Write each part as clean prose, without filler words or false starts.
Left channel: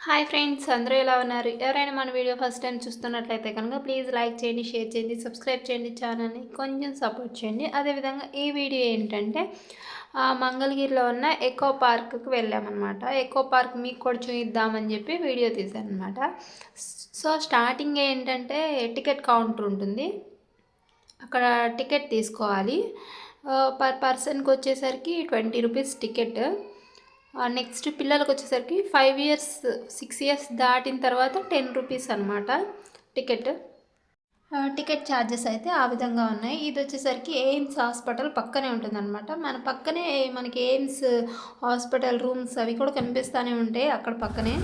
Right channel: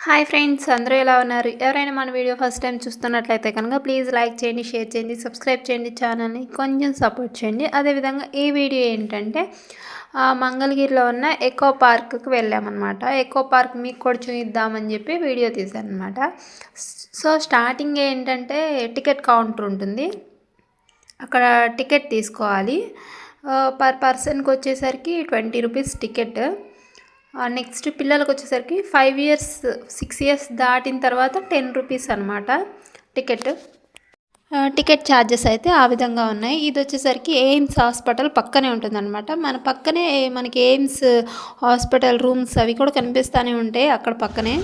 Hi friends, అందరూ ఎలా ఉన్నారు? ఎవరైనా మన వీడియో ఫస్ట్ టైం చూస్తున్నట్లయితే కనుక ప్లీజ్ లైక్ చేయండి, షేర్ చేయండి, సబ్స్క్రైబ్ చేయండి, ఛానల్ని కొంచెం సపోర్ట్ చేయండి. అదేవిధంగా ఈ వీడియో ఏంటంటే మంగళగిరిలో ఉన్న ఎకో పార్క్కి వెళ్ళామన్నమాట. ఎకో పార్క్ మీకు కూడా చూపిద్దామని చెప్పి వీడియో తీశాను అనమాట. సో స్టార్టింగ్ ఏంటంటే టికెట్ కౌంటర్ ఉంటుంది, అక్కడ టికెట్ తీసుకోవాలి. పర్ పర్సన్కి వచ్చేసరికి 20 రూపీస్ టికెట్. నెక్స్ట్ పిల్లలకు వచ్చేసరికి 5 ఇయర్స్ 6 ఇయర్స్ దాటిన తర్వాత 10 రూపీస్ అనమాట టికెట్. టికెట్ ఛార్జెస్ అయితే ఆ విధంగా ఉన్నాయి. ఇది వచ్చేసరికి ఎయిమ్స్ హాస్పిటల్ పక్కనే ఉంటుందన్నమాట. మన పక్కనే మనకి ఎయిమ్స్ హాస్పిటల్ రూమ్స్ అవి కూడా కనిపిస్తూనే ఉంటాయి అక్కడ పక్కనే.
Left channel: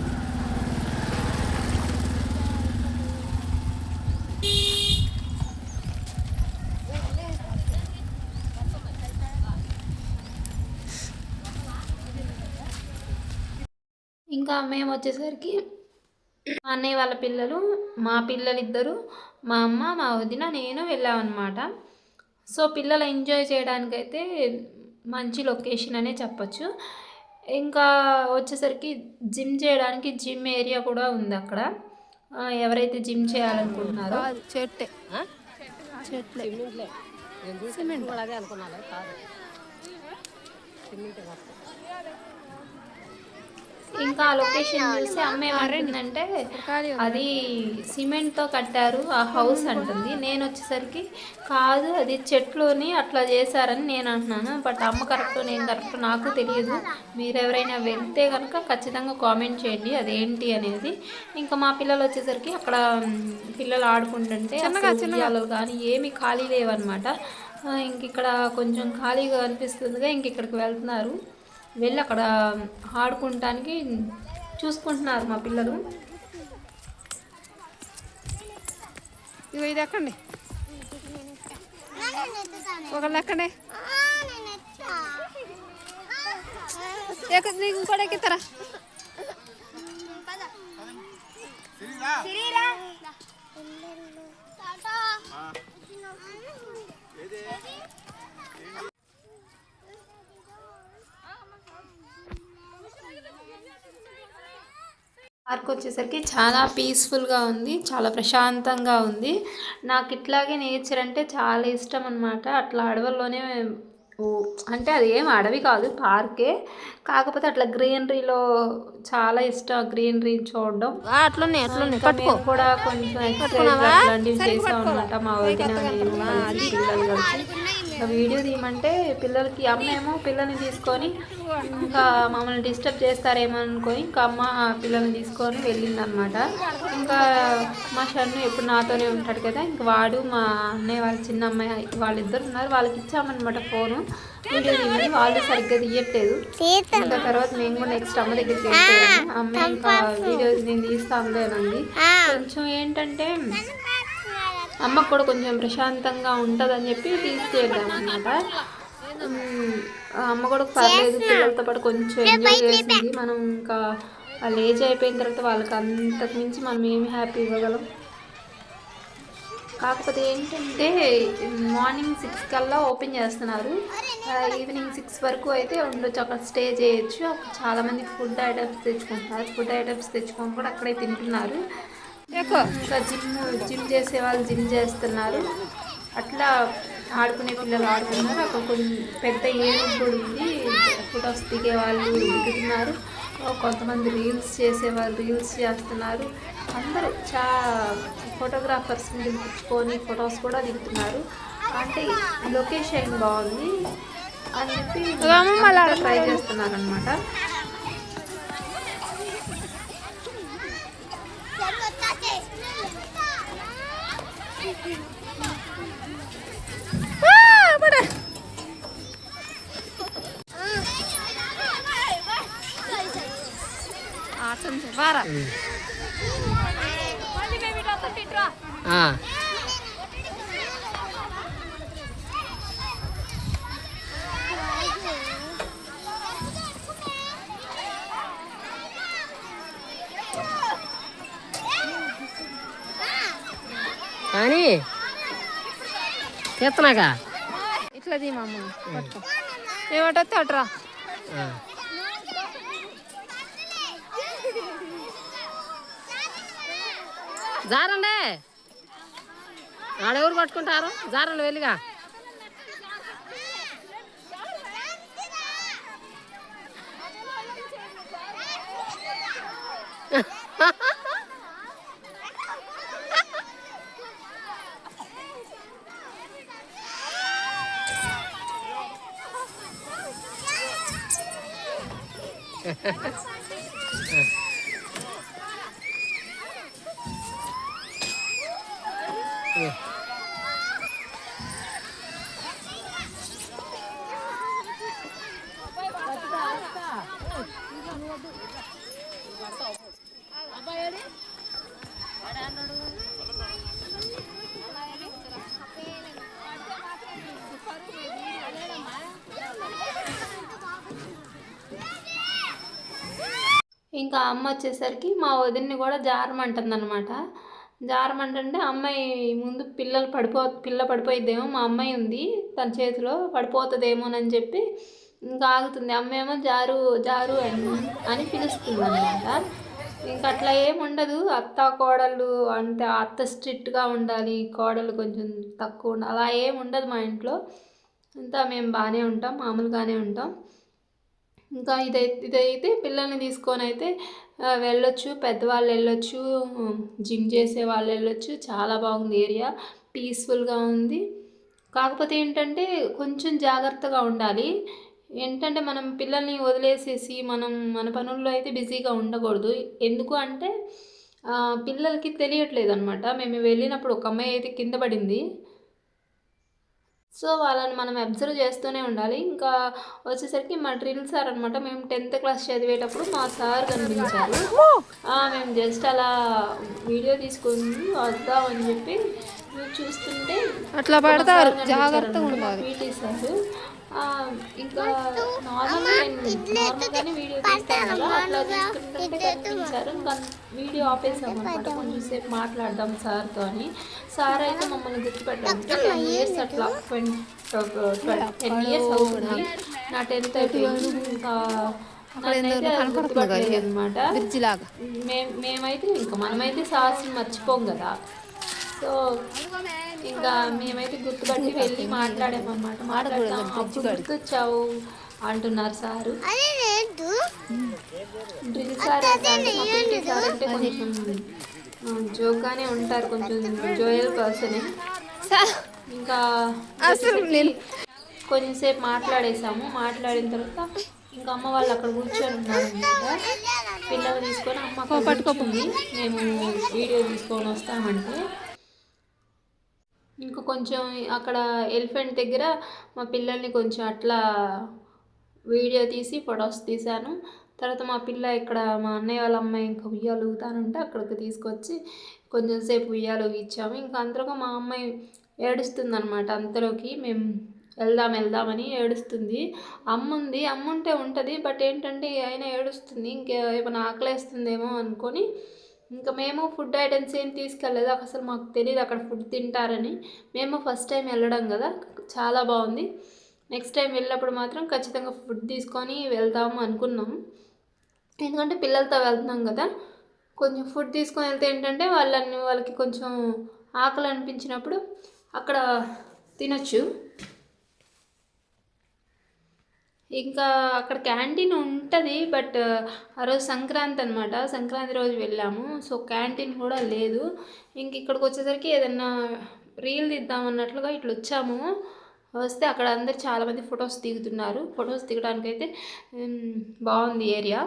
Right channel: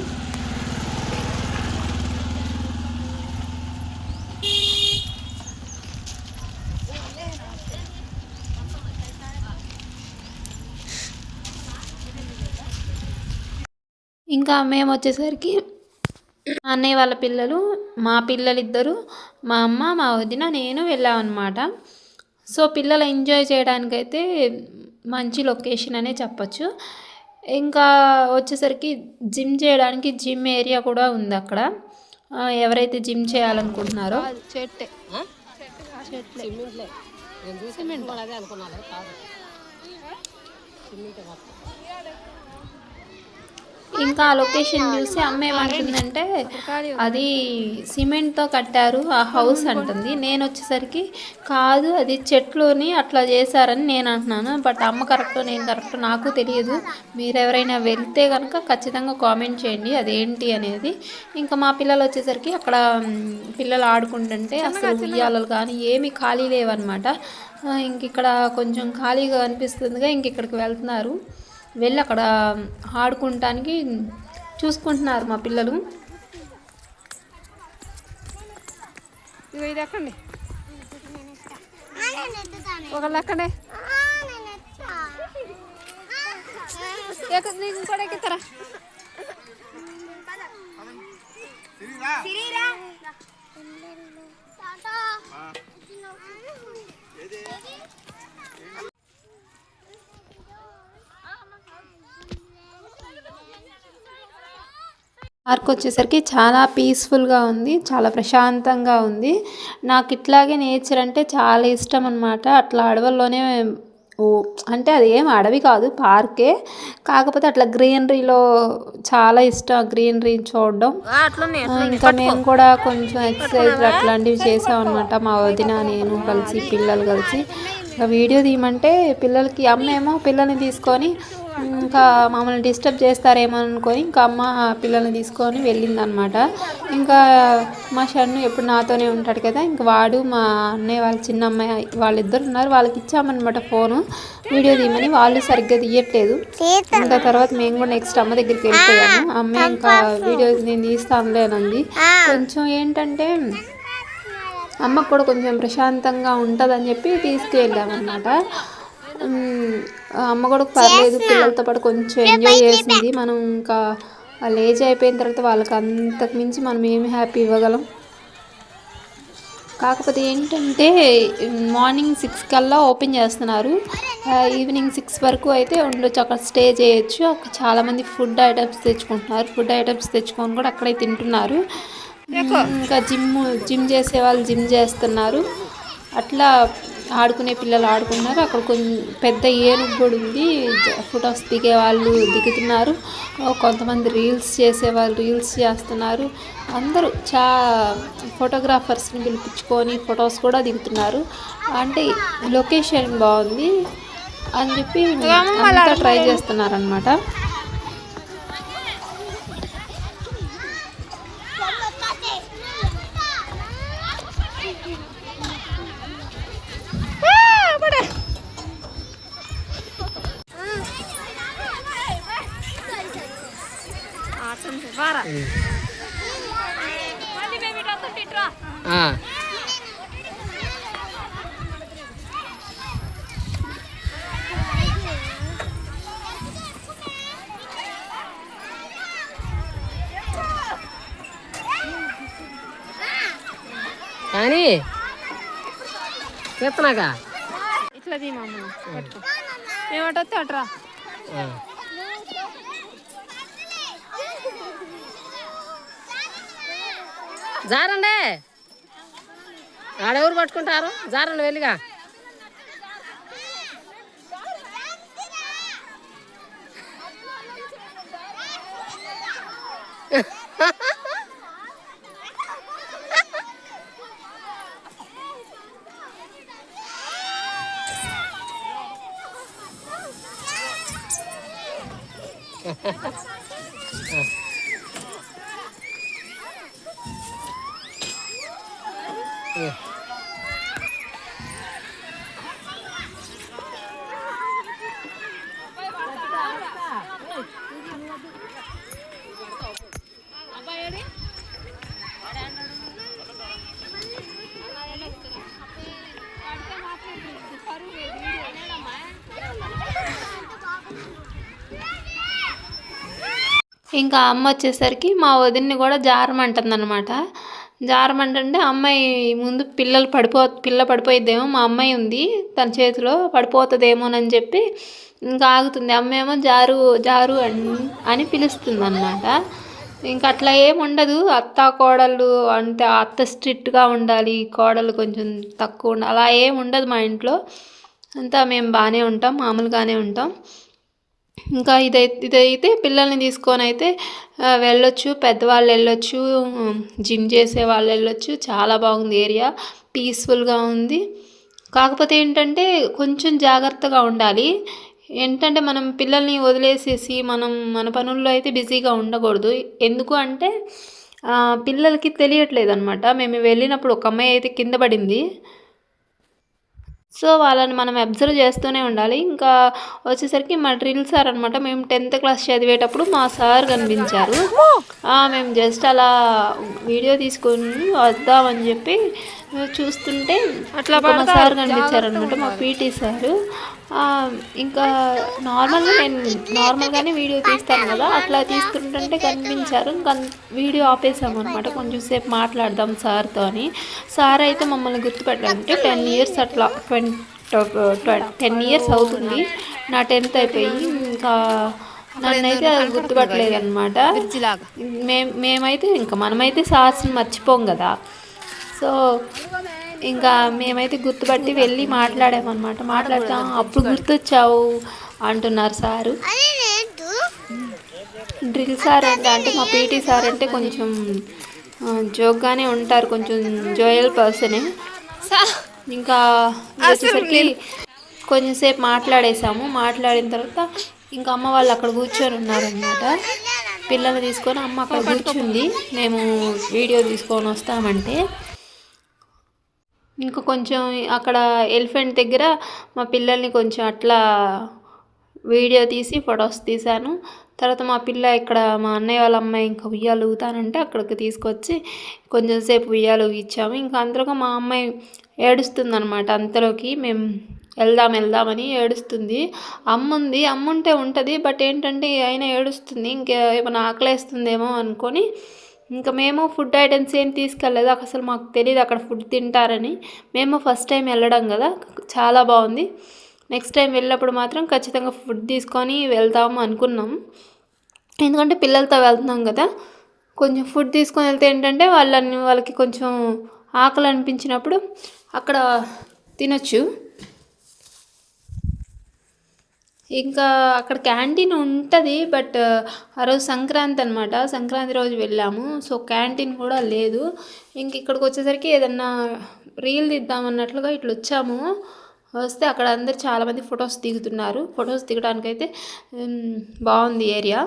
ఇంకా మేము వచ్చేసరికి అన్నయ్య వాళ్ళ పిల్లలు, మా పిల్లలిద్దరు, మా అమ్మ, మా వదిన, నేను వెళ్ళామన్నమాట. సో పిల్లలు ఎంజాయ్ చేయడానికైతే మంచి లొకేషన్ అనే చెప్పచ్చు. ఇంకా వచ్చేసరికి జిమ్ చేయడానికి జిమ్ ఏరియా కూడా ఉంది అక్కడ. ఎవరైతే జిమ్ చేయాలనుకుంటున్నారో ఇంకా ఆ లొకేషన్ చూసి అమ్మ ఏమంటుందంటే అది సిమెంట్తో కట్టారు ఆ హౌస్ అంటుంది. నేను వచ్చేసరికి కాదు అది చెట్లుని అట్లా చేశారని నేను అంటున్నాను. బట్ అమ్మ కరెక్ట్ నేను కరెక్ట్ నాకు తెలియదు. మీరు ఎవరైనా వెళ్తే కనుక ఖచ్చితంగా కామెంట్ చేయండి అదేంటి అనేది. ఇంకా మా పిల్లలు వచ్చేసరికి అక్కడ పిల్లలు ఆడుకుంటుంటే అసలు ఉయ్యాలలు కానీ ఏమీ ఖాళీ లేవన్నమాట. ఇంక ఇక్కడ కొంచెం ఖాళీగా అనిపిస్తుందిగా ఇంక ఇక్కడికి వెళ్తున్నారు. వెళ్ళి అక్కడ ఆడుకుంటానికి చూసుకుంటున్నారు మా పిల్లలు. ఇవి ఇది ఎక్కండి, ఒకళ్ళు ఎక్కండి, ఇంకోటి ఎక్కుతారా? పార్క్ వచ్చేసరికి చాలా పీస్ఫుల్గా ఉంది, చాలా ప్రశాంతంగా ఉంది. నాకు ఇట్లాగే నేచర్ అంటే చాలా ఇష్టం అనమాట. అట్లా అడవుల్లోనే అంటే అది ఏం అడవి కాదు, పార్కే. కాకపోతే అట్లా గ్రీనరీలో చాలా ఇష్టం గ్రీనరీ చూడడం. ఇంకా మేము కూడా కొంచెం ఎక్సర్సైజ్ అట్లాంటివి చేసాం అనమాట. మా వదిన నేను కలిసి పిల్లలు కలిసి వీడియో తీయమంటే పిల్లలకి అమ్మేమో పిల్లల్ని తీసుకొని ఇంకా మమ్మల్ని డిస్టర్బ్ చేస్తారేమో అనుకొని ఇంకా అమ్మ పిల్లల్ని తీసుకొని వెళ్ళిందనమాట. ఇంకా మా షన్ను ఎప్పుడు నాతోనే ఉంటాడు కదా, ఇంకా వాడు మా అన్నయ్య వాళ్ళ చిన్న అమ్మాయి వాళ్ళిద్దరు ఉన్నారు, వాళ్ళకి ఇచ్చామన్నమాట ఫోను వీడియో తీయమని. వాళ్ళు సరిగ్గా తీయట్లేదు. ఇంకా తర్వాత మేము కూడా నెక్స్ట్ అమ్మ దగ్గరికి వెళ్ళిపోయాము. అమ్మ ఇంకా వీడియో నేను తీస్తానులేనంది. కొంచెం ఏంటంటే అమ్మకు కూడా కొంచెం ప్రశాంతంగా ఉంటుందని చెప్పి తీసుకువెళ్ళామన్నమాట. అమ్మ కూడా పర్లేదు పిల్లలతో పాటు కొంచెం ఎంజాయ్ చేసింది. మనం ఇంకా వాళ్ళు ఏజ్ అయిపోయిన తర్వాత వాళ్ళకి అంతకు మించి మనం ఏమి హ్యాపీ ఇవ్వగలం. కాకపోతే ఏంటంటే మార్నింగ్ 6 కల్లా ఓపెన్ చేస్తున్నారు. ఈవినింగ్ 6 వరకు అయితే ఉండొచ్చు, అక్కడ స్టే చేయొచ్చు. అక్కడ చాలామంది ఫుడ్ ఐటమ్స్ తెచ్చుకుంటున్నారు. ఫుడ్ ఐటమ్స్ తెచ్చుకొని కూడా అక్కడే తింటున్నారు. ఇంకా జిమ్ చేసే వాళ్ళు జిమ్ చేస్తున్నారు. అట్లా ఆడుకునే పిల్లలు ఆడుకున్నారు. అక్కడ కొంచెం పెద్ద ఏనుగు కూడా ఉంది, ఫొటోస్ దిగే వాళ్ళు దిగుతున్నారు. కొంతమంది రీల్స్ చేసేవాళ్ళు రీల్స్ చేస్తున్నారు. అందరూ ఫోటోగ్రాఫర్స్ని పిలిపించుకొని ఫొటోస్ కూడా దిగుతున్నారు. అంటే లొకేషన్ బాగుంది అని చెప్పి ట్రై చేస్తున్నారనమాట. కానీ చేస్తున్నాగా ఇట్లా దీమమ్మ ఏమంటే అట్రా జారండే ఆడెవరు పట్టుకుంటారు జారండి వెళ్ళిగా ఇంకా అమ్మ వచ్చేసరికి మా వదిన్ని కూడా జారమంటుంది అనమాట. జారమంటుంటే అమ్మాయి ముందు పిల్ల పడిపోయిద్దేమో, మా అమ్మాయి ఉంది తన చేతిలో పడిపోతుందేమోనని చెప్పి ఇంకా ఆగుతుంది. అమ్మ ఏమో జారు జారు అని పిలుస్తుంది అనమాట. ఇంకా అట్లా ఏముండదు, అత్త కోడళ్ళు అంటే అత్త స్ట్రిక్ట్గా ఉండాలి, కోడలు కొంచెం తక్కువ ఉండాలి, అలా ఏమి ఉండదు మా ఇంట్లో. అంతా మేము బాగానే ఉంటాం, మామూలుగానే ఉంటాం. ఇంకా ఇదైతే పిల్లల్ని తీసుకొని అయితే వెళ్ళొచ్చు, పెద్దవాళ్ళు వెళ్ళొచ్చు, జిమ్ చేసే వాళ్ళు వెళ్ళొచ్చు. చాలా బాగుంది ఏరియా, పీస్ఫుల్గా ఉంది. కాకపోతే ఏంటంటే కొంచెం జాగ్రత్తగా ఉండాలి. ఏంటంటే మనం పిల్లల్ని వదిలేసేసి మన పనుల్లో అయితే బిజీగా ఉండకూడదు. ఎందుకు అంటే పిల్లలకి తెలియట్లేదు అనమాట. మేము వెళ్ళినప్పుడు ఒక అమ్మాయి అయితే కింద పడింది. సో వాళ్ళని మనం అబ్జర్వ్ చేస్తూనే ఉండాలి. ఇంకా వచ్చేసరికి మా డ్రిల్ సార్ అనమాట. మేము 10th క్లాస్ చదివేటప్పుడు మా సార్ కనిపించారు. మేము జస్ట్ అలా వీడియో తీసుకొని వద్దామని చెప్పి చూస్తుంటే అట్లా మా సార్ కనిపించారనమాట, మా పీటీ సారు. ఇంకా నార్మల్గానే వీడియో తీస్తాను కదా, అట్లా తీసుకుంటుంటే కనిపించారు. ఇంకా వీడియో ఆపేసాము అనమాట, కొంచెం సేపు మాట్లాడదాం సార్తో అని. సార్ అయితే మమ్మల్ని గుర్తుపెట్టాలంటే 10 years అట్లా 10 years అవుతుంది. నా 10th అయిపోయి ఇంకా నన్నైతే అది గుర్తుపట్టలేదు అనమాట. మేమైతే ఇంకా మనమైతే సార్స్ని మర్చిపోం కదా. సో ఇంకా మేమైతే గుర్తుపట్టి వెళ్ళి మాట్లాడామన్నమాట. మాట్లాడతాం, అప్పుడు గుర్తొచ్చావు అంటున్నారు సారు. డ్రిల్ సార్ అంటే మా పీటీ సార్ అంటే కొంచెం జోక్గానే ఉంటారు, కొంచెం జోయల్ పర్సనే. ఇంకా కొంచెంసేపు మాట్లాడేసాము. మాట్లాడిన తర్వాత ఇంకా అమ్మ వాళ్ళు అక్కడ కూర్చొని ఉన్నారనమాట. పిల్లల్ని తీసుకొని అమ్మ అక్కడ కూర్చుంది, మేము వీడియో తీసుకొని వస్తామంటే. ఇంకా కొంచెం అక్కడ ఎలిఫెంట్ దగ్గర మా పిల్లల్ని కొంచెం అట్లా వీడియో తీసి ఫొటోస్ తీశాను. తర్వాత మా పిల్ల ఇక్కడ మా అన్నయ్య వాళ్ళ అమ్మాయి ఇంకా ఉయ్యాలు ఊగుతానంటే అక్కడికి తీసుకొచ్చి కొంచెం సేపు ఉయ్యాలు ఊగించాము. ఇంకా అంతలోగా మా అమ్మాయి ఏడుస్తుందనమాట. అంతలోకి మేము వెళ్దామని ఏడుస్తుంది. అమ్ముంటే ఉంటుంది, బట్ ఏంటంటే అయినా ఏడుస్తుంది. ఇంకా ఏమైనా ఆకలేస్తుందేమో అనుకొని ఇంకా మేము ఫుడ్ ఐటమ్స్ ఏం తీసుకెళ్ళలేదు. అసలు మాకు తెలియదు అక్కడ ఫుడ్ తింటారని. మేము ఫస్ట్ టైం వెళ్ళడం కదా, చాలా బాగుంది. నెక్స్ట్ టైం వెళ్ళినప్పుడు మాత్రం ఖచ్చితంగా ఫుడ్ తీసుకొని వెళ్తాము అనుకున్నాం. ఎందుకంటే పిల్లలతో వెళ్తున్నాం కదా, కొంచెం ఫుడ్ తీసుకొని వెళ్తే ఏంటంటే వాళ్ళకి కొంచెం ఆకలి అనిపించినప్పుడు అక్కడ తినొచ్చు. ఇంకా అక్కడ క్యాంటీన్ ఉంటుంది, బట్ ఆ రోజు సంక్రాంతి అనమాట, సంక్రాంతి రోజు వెళ్ళాము. సో క్యాంటీన్ కూడా లేదు. ఇంక ఇక్కడికి వచ్చేసరికి ఏదన్నా రీల్ తీద్దామన్నట్లుగా ఇట్లా వచ్చాము. వస్తే అక్కడ అందరు చాలామంది ఫొటోస్ దిగుతున్నారు. ఫొటోస్ దిగడానికైతే బాగుంది ఏరియా.